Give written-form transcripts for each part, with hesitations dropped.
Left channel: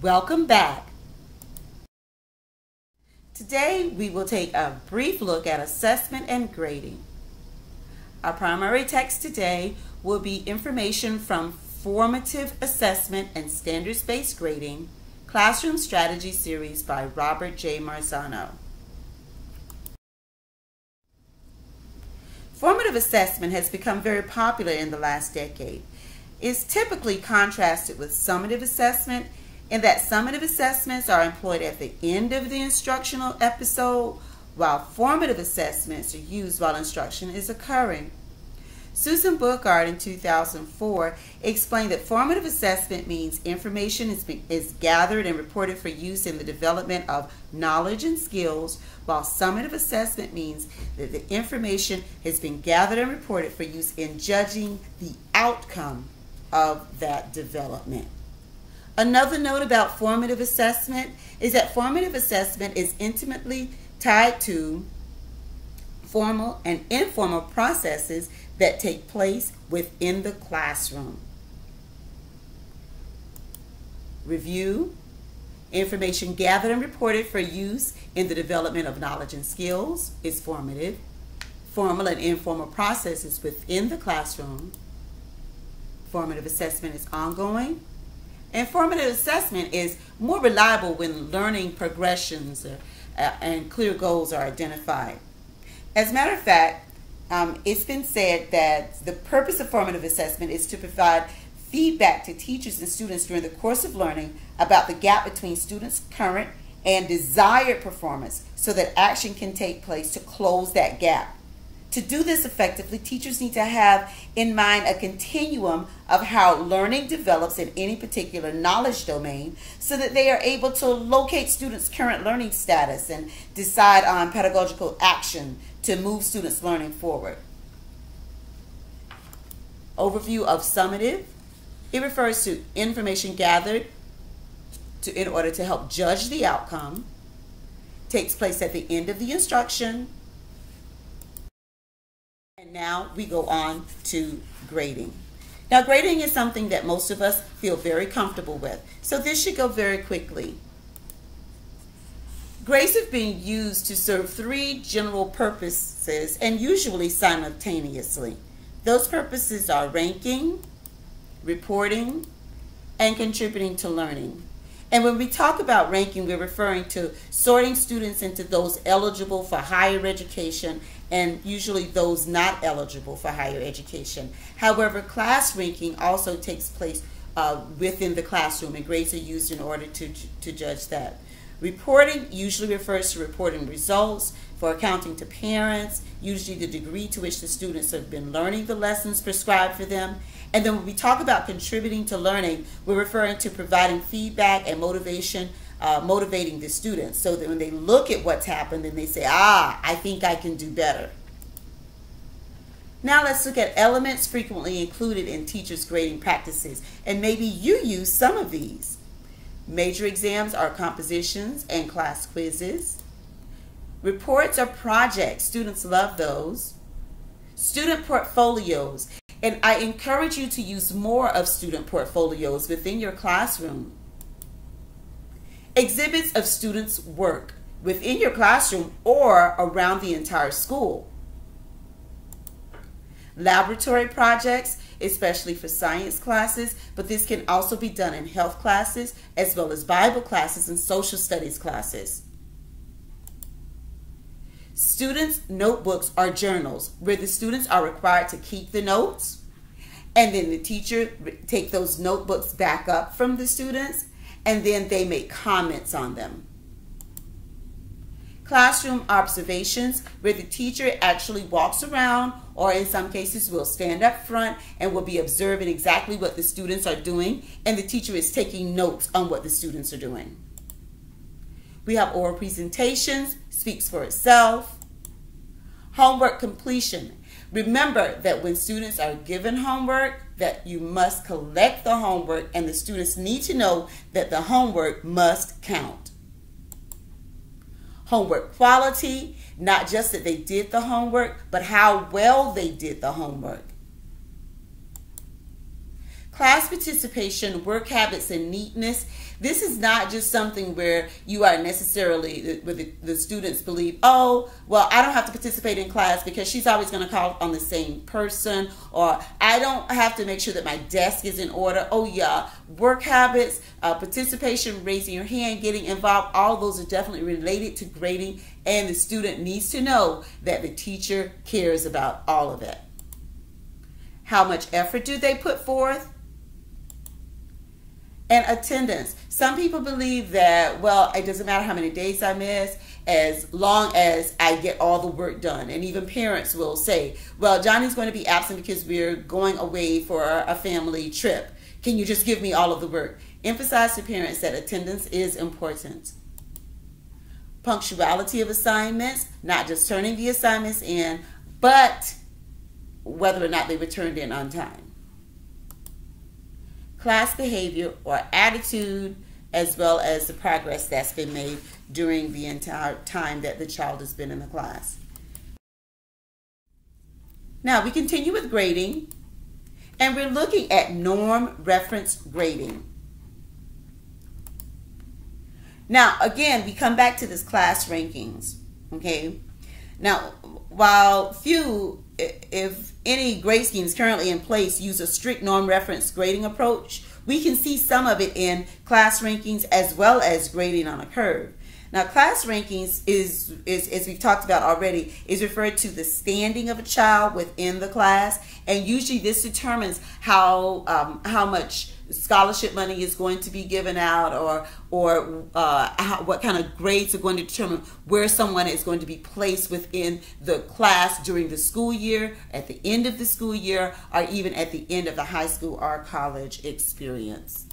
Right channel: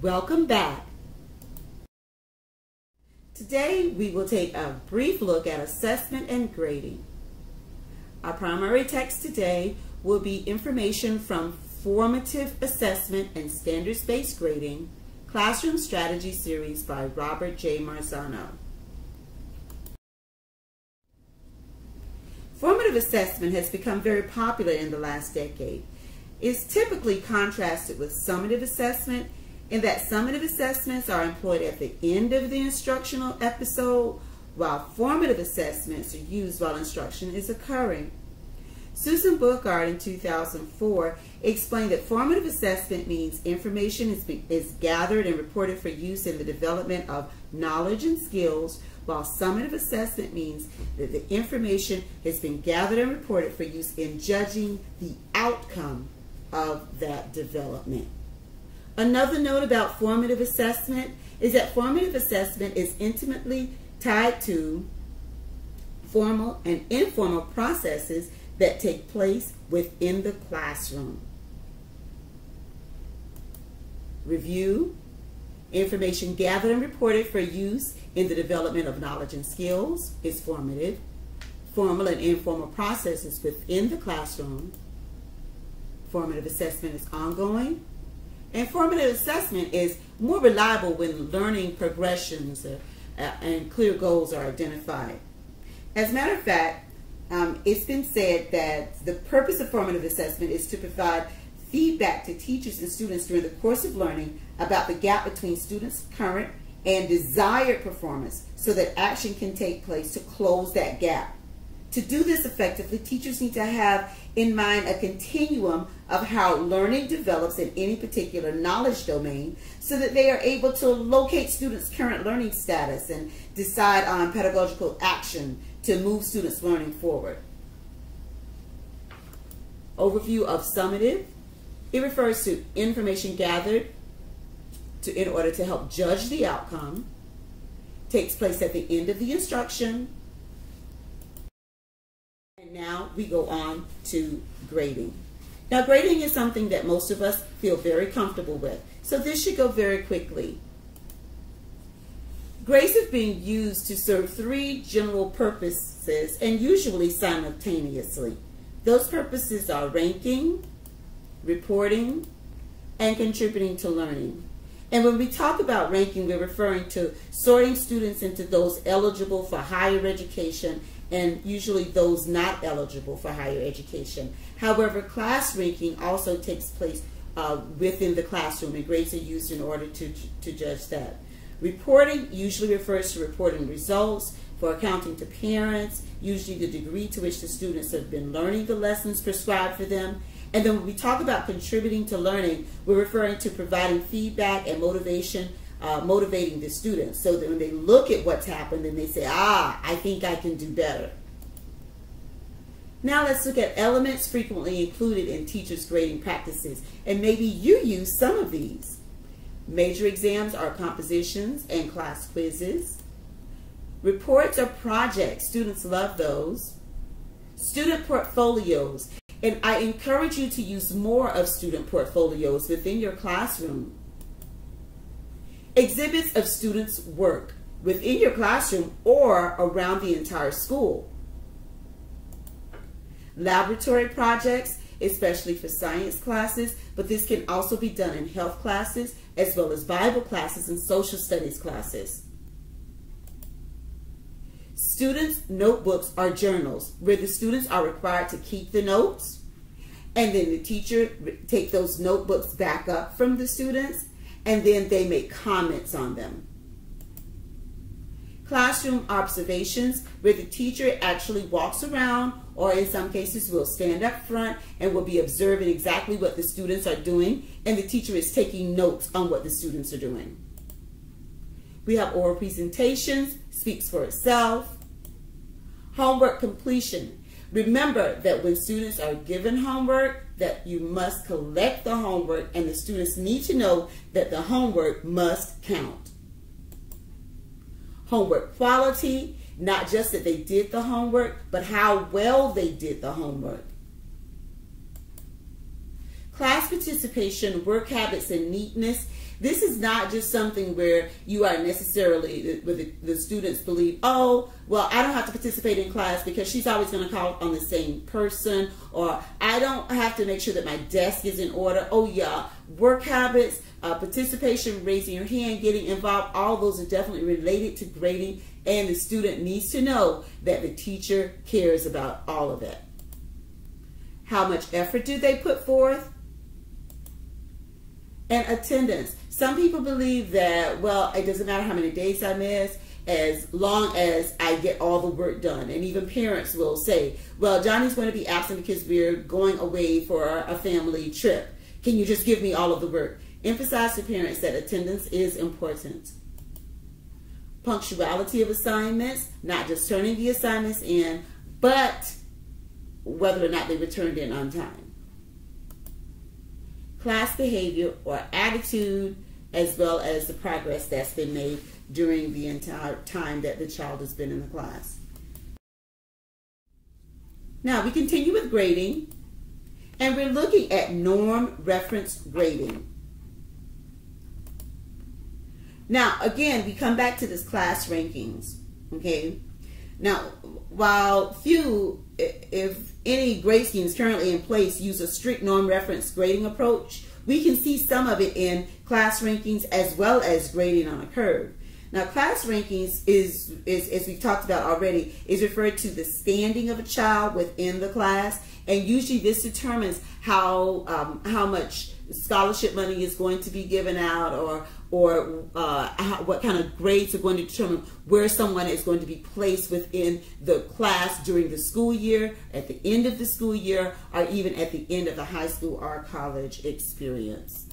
Welcome back. Today we will take a brief look at assessment and grading. Our primary text today will be information from Formative Assessment and Standards-Based Grading, Classroom Strategy Series by Robert J. Marzano. Formative assessment has become very popular in the last decade. It's typically contrasted with summative assessment in that summative assessments are employed at the end of the instructional episode, while formative assessments are used while instruction is occurring. Susan Bookard in 2004 explained that formative assessment means information is gathered and reported for use in the development of knowledge and skills, while summative assessment means that the information has been gathered and reported for use in judging the outcome of that development. Another note about formative assessment is that formative assessment is intimately tied to formal and informal processes that take place within the classroom. Review, information gathered and reported for use in the development of knowledge and skills is formative. Formal and informal processes within the classroom. Formative assessment is ongoing. And formative assessment is more reliable when learning progressions and clear goals are identified. As a matter of fact, it's been said that the purpose of formative assessment is to provide feedback to teachers and students during the course of learning about the gap between students' current and desired performance so that action can take place to close that gap. To do this effectively, teachers need to have in mind a continuum of how learning develops in any particular knowledge domain so that they are able to locate students' current learning status and decide on pedagogical action to move students' learning forward. Overview of summative. It refers to information gathered in order to help judge the outcome. Takes place at the end of the instruction. And now we go on to grading. Now grading is something that most of us feel very comfortable with, so this should go very quickly. Grades have been used to serve three general purposes and usually simultaneously. Those purposes are ranking, reporting, and contributing to learning. And when we talk about ranking, we're referring to sorting students into those eligible for higher education and usually those not eligible for higher education. However, class ranking also takes place within the classroom, and grades are used in order to judge that. Reporting usually refers to reporting results for accounting to parents, usually the degree to which the students have been learning the lessons prescribed for them. And then when we talk about contributing to learning, we're referring to providing feedback and motivation, motivating the students so that when they look at what's happened and they say, I think I can do better. Now let's look at elements frequently included in teachers' grading practices, and maybe you use some of these. Major exams are compositions and class quizzes. Reports are projects. Students love those. Student portfolios. And I encourage you to use more of student portfolios within your classroom. Exhibits of students' work within your classroom or around the entire school. Laboratory projects, especially for science classes, but this can also be done in health classes as well as Bible classes and social studies classes. Students' notebooks are journals where the students are required to keep the notes, and then the teacher take those notebooks back up from the students, and then they make comments on them. Classroom observations, where the teacher actually walks around, or in some cases will stand up front and will be observing exactly what the students are doing, and the teacher is taking notes on what the students are doing. We have oral presentations, speaks for itself. Homework completion. Remember that when students are given homework, that you must collect the homework, and the students need to know that the homework must count. Homework quality, not just that they did the homework, but how well they did the homework. Class participation, work habits, and neatness. This is not just something where you are necessarily, where the students believe, oh, well, I don't have to participate in class because she's always going to call on the same person, or I don't have to make sure that my desk is in order. Oh, yeah, work habits, participation, raising your hand, getting involved, all those are definitely related to grading, and the student needs to know that the teacher cares about all of it. How much effort do they put forth? And attendance. Some people believe that, well, it doesn't matter how many days I miss as long as I get all the work done. And even parents will say, well, Johnny's going to be absent because we're going away for a family trip. Can you just give me all of the work? Emphasize to parents that attendance is important. Punctuality of assignments, not just turning the assignments in, but whether or not they were turned in on time. Class behavior or attitude, as well as the progress that's been made during the entire time that the child has been in the class. Now we continue with grading, and we're looking at norm reference grading. Now again, we come back to this class rankings, okay? Now, while few, if any, grade schemes currently in place use a strict norm reference grading approach, we can see some of it in class rankings as well as grading on a curve. Now, class rankings is as we've talked about already, is referred to the standing of a child within the class, and usually this determines how much scholarship money is going to be given out, or what kind of grades are going to determine where someone is going to be placed within the class during the school year, at the end of the school year, or even at the end of the high school or college experience.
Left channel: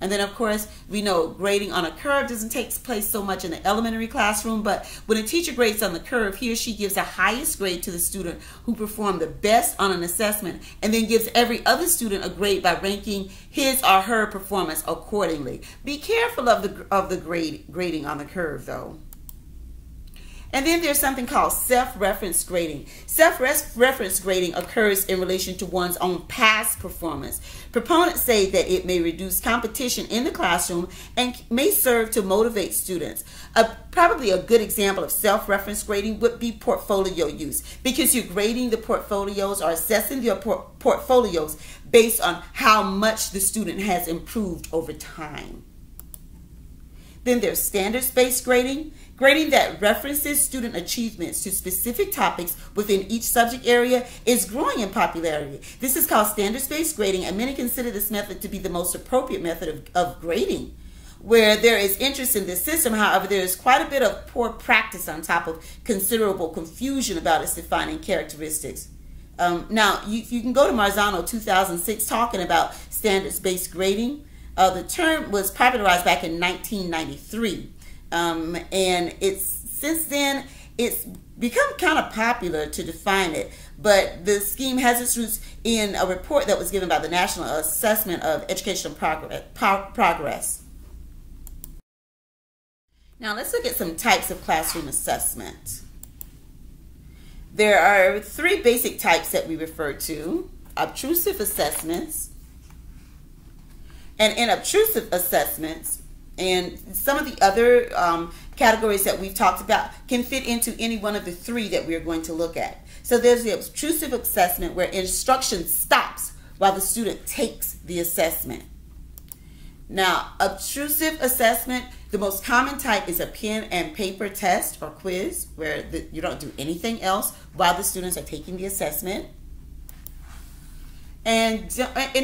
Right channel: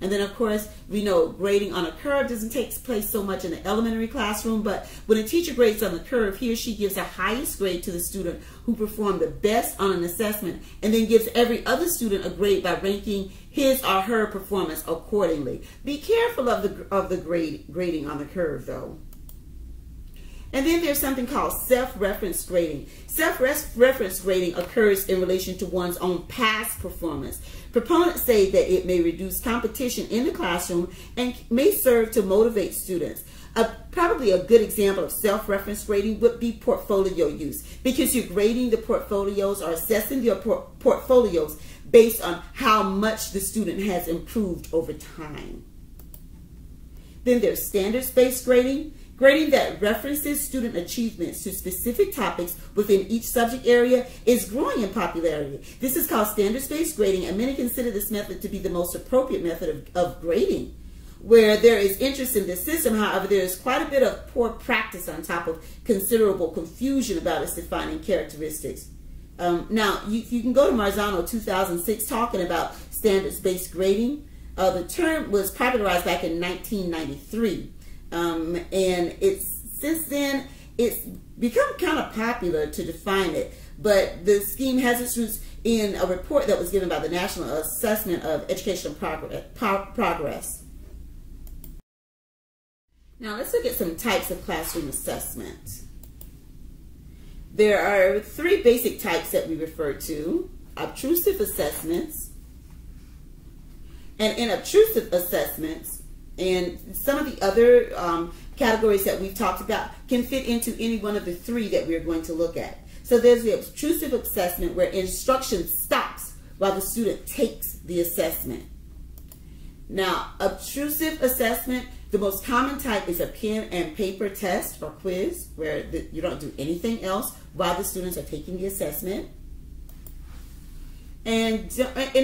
And then, of course, we know grading on a curve doesn't take place so much in the elementary classroom, but when a teacher grades on the curve, he or she gives the highest grade to the student who performed the best on an assessment, and then gives every other student a grade by ranking his or her performance accordingly. Be careful of the grading on the curve, though. And then there's something called self-reference grading. Self-reference grading occurs in relation to one's own past performance. Proponents say that it may reduce competition in the classroom and may serve to motivate students. Probably a good example of self-reference grading would be portfolio use, because you're grading the portfolios or assessing your portfolios based on how much the student has improved over time. Then there's standards-based grading. Grading that references student achievements to specific topics within each subject area is growing in popularity. This is called standards-based grading, and many consider this method to be the most appropriate method of grading. Where there is interest in this system, however, there is quite a bit of poor practice on top of considerable confusion about its defining characteristics. Now, you can go to Marzano 2006 talking about standards-based grading. The term was popularized back in 1993. And since then it's become kind of popular to define it, but the scheme has its roots in a report that was given by the National Assessment of Educational Progress. Now let's look at some types of classroom assessment. There are three basic types that we refer to: obtrusive assessments, and inobtrusive assessments. And some of the other categories that we've talked about can fit into any one of the three that we're going to look at. So there's the obtrusive assessment, where instruction stops while the student takes the assessment. Now, obtrusive assessment, the most common type is a pen and paper test or quiz, where you don't do anything else while the students are taking the assessment. And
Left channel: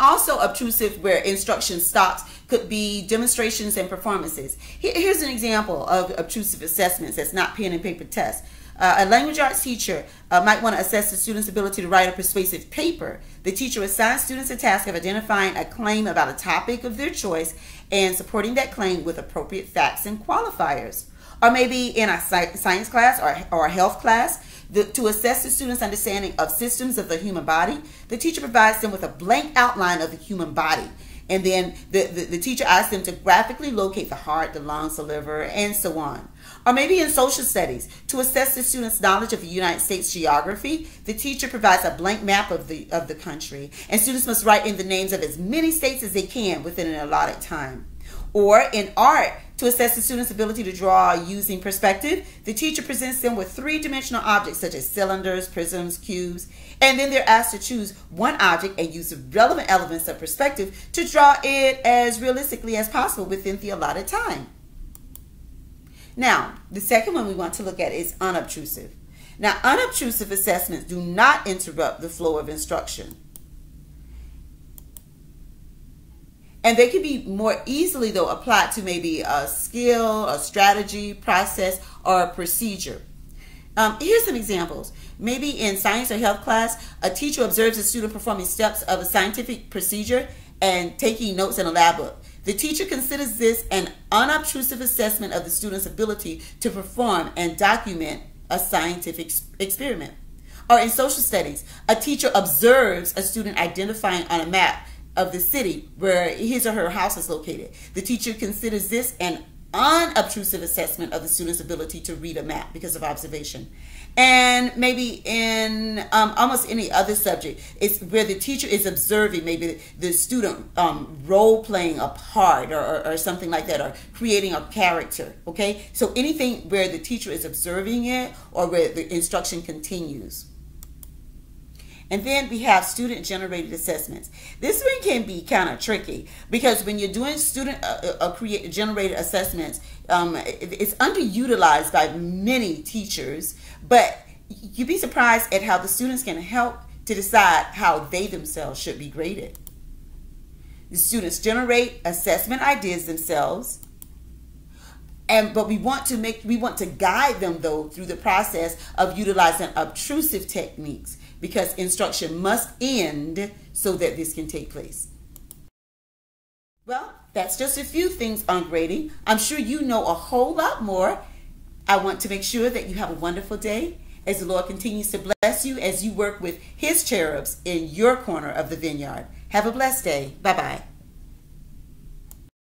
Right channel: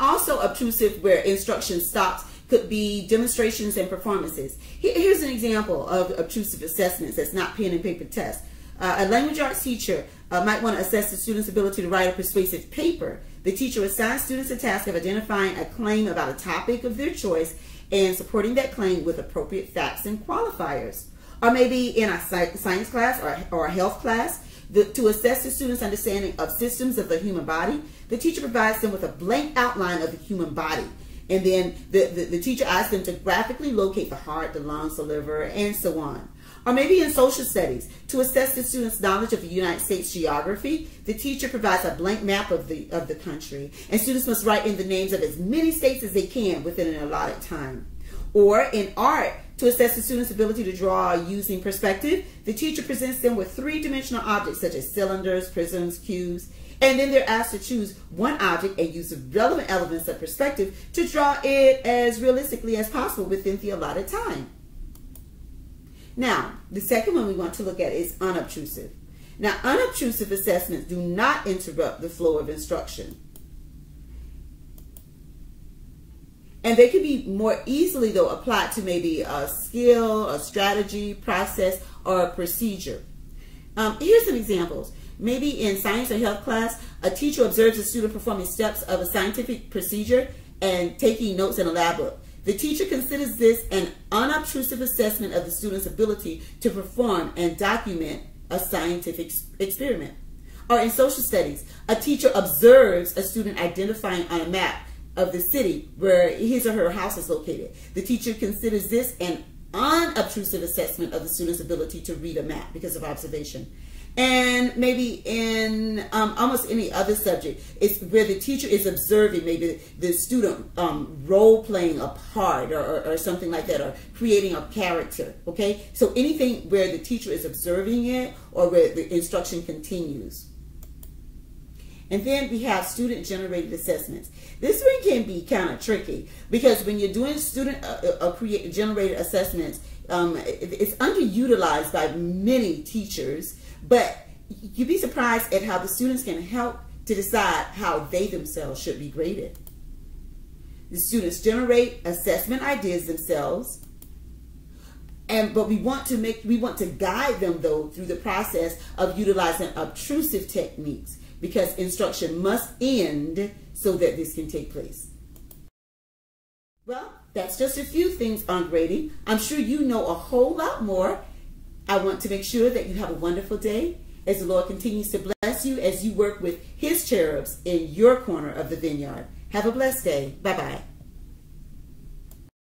also obtrusive, where instruction stops, could be demonstrations and performances. Here's an example of obtrusive assessments that's not pen and paper tests. A language arts teacher might want to assess the student's ability to write a persuasive paper. The teacher assigns students a task of identifying a claim about a topic of their choice and supporting that claim with appropriate facts and qualifiers. Or maybe in a science class or a health class, to assess the student's understanding of systems of the human body, the teacher provides them with a blank outline of the human body. And then the teacher asks them to graphically locate the heart, the lungs, the liver, and so on. Or maybe in social studies, to assess the student's knowledge of the United States geography, the teacher provides a blank map of the country, and students must write in the names of as many states as they can within an allotted time. Or in art, to assess the student's ability to draw using perspective, the teacher presents them with three-dimensional objects such as cylinders, prisms, cubes, and then they're asked to choose one object and use the relevant elements of perspective to draw it as realistically as possible within the allotted time. Now, the second one we want to look at is unobtrusive. Now, unobtrusive assessments do not interrupt the flow of instruction. And they can be more easily, though, applied to maybe a skill, a strategy, process, or a procedure. Here's some examples. Maybe in science or health class, a teacher observes a student performing steps of a scientific procedure and taking notes in a lab book. The teacher considers this an unobtrusive assessment of the student's ability to perform and document a scientific experiment. Or in social studies, a teacher observes a student identifying on a map of the city where his or her house is located. The teacher considers this an unobtrusive assessment of the student's ability to read a map because of observation. And maybe in almost any other subject, it's where the teacher is observing maybe the student role-playing a part or something like that, or creating a character, okay? So anything where the teacher is observing it or where the instruction continues. And then we have student-generated assessments. This one can be kind of tricky because when you're doing student-generated assessments, it's underutilized by many teachers, but you'd be surprised at how the students can help to decide how they themselves should be graded. The students generate assessment ideas themselves, but we want to guide them though through the process of utilizing obtrusive techniques, because instruction must end so that this can take place. Well, that's just a few things on grading. I'm sure you know a whole lot more. I want to make sure that you have a wonderful day as the Lord continues to bless you as you work with His cherubs in your corner of the vineyard. Have a blessed day. Bye-bye.